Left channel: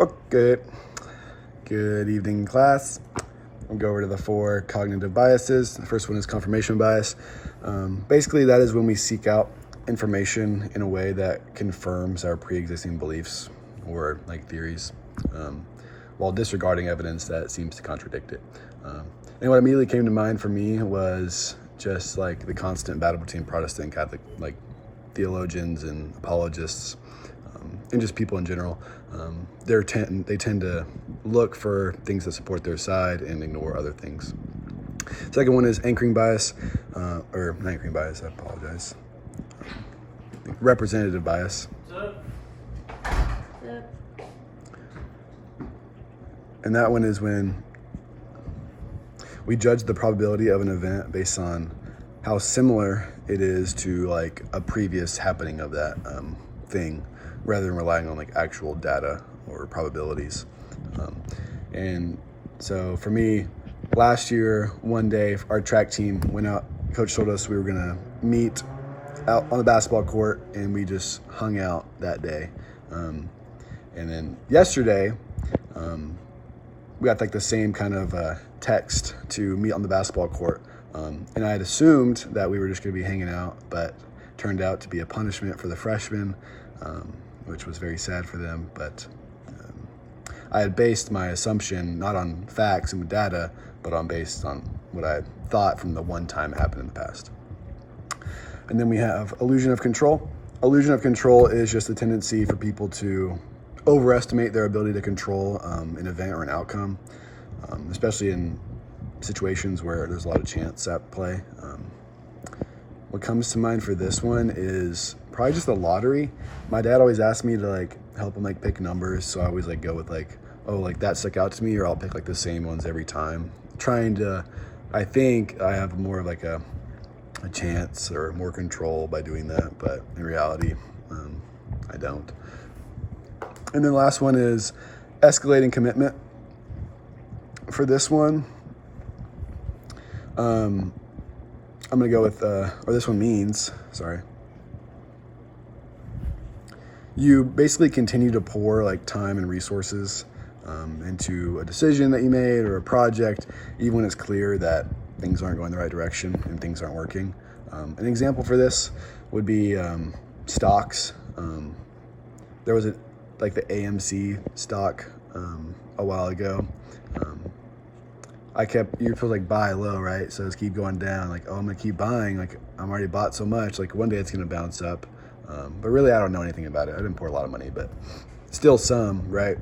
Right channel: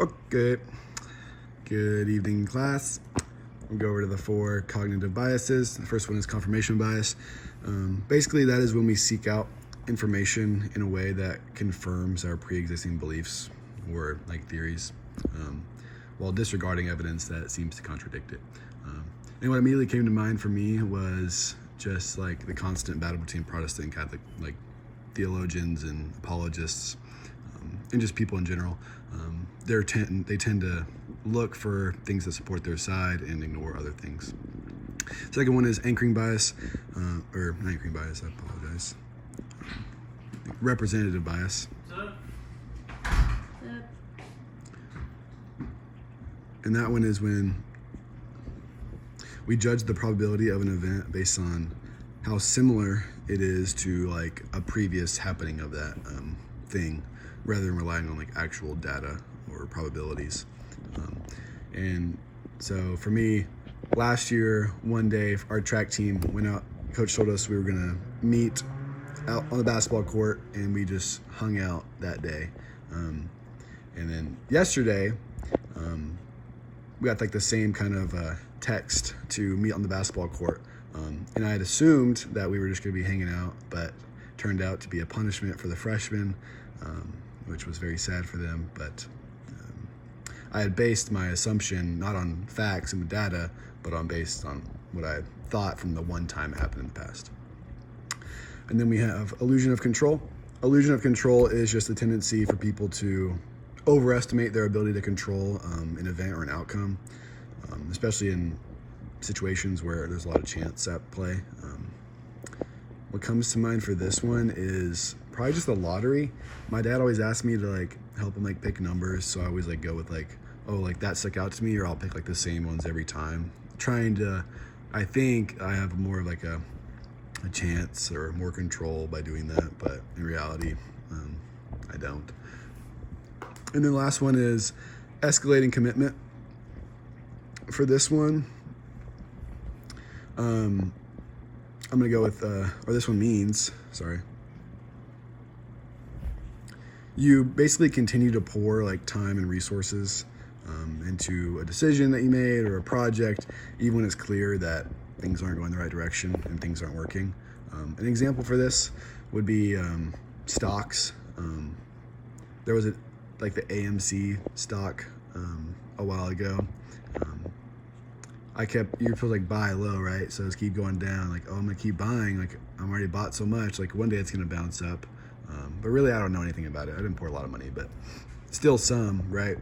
Okay, good evening, class. We'll go over to the 4 cognitive biases. The first one is confirmation bias. Basically, that is when we seek out information in a way that confirms our pre-existing beliefs or like theories, while disregarding evidence that seems to contradict it. And what immediately came to mind for me was just like the constant battle between Protestant and Catholic, like theologians and apologists, and just people in general. They tend to look for things that support their side and ignore other things. Second one is anchoring bias, or not anchoring bias, I apologize. Representative bias. And that one is when we judge the probability of an event based on how similar it is to like a previous happening of that thing, rather than relying on like actual data or probabilities. And so for me, last year, one day, our track team went out. Coach told us we were gonna meet out on the basketball court, and we just hung out that day. And then yesterday, we got like the same kind of text to meet on the basketball court. And I had assumed that we were just gonna be hanging out, but turned out to be a punishment for the freshmen, which was very sad for them. But I had based my assumption not on facts and data, but based on what I had thought from the one time it happened in the past. And then we have illusion of control. Illusion of control is just a tendency for people to overestimate their ability to control an event or an outcome, especially in situations where there's a lot of chance at play. What comes to mind for this one is probably just the lottery. My dad always asked me to like help him like pick numbers, so I always like go with like, oh, like that stuck out to me, or I'll pick like the same ones every time. I think I have more of like a chance or more control by doing that, but in reality, I don't. And then last one is escalating commitment. For this one, I'm gonna go with, or this one means, you basically continue to pour like time and resources into a decision that you made or a project, even when it's clear that things aren't going the right direction and things aren't working. An example for this would be stocks. There was like the AMC stock a while ago. You're supposed to like buy low, right? So it's keep going down, like, oh, I'm gonna keep buying, like I'm already bought so much, like one day it's gonna bounce up. But really I don't know anything about it. I didn't pour a lot of money, but still some, right?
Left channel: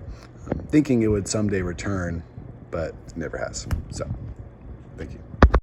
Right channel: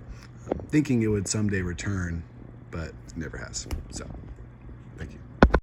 Thinking it would someday return, but it never has. So, thank you.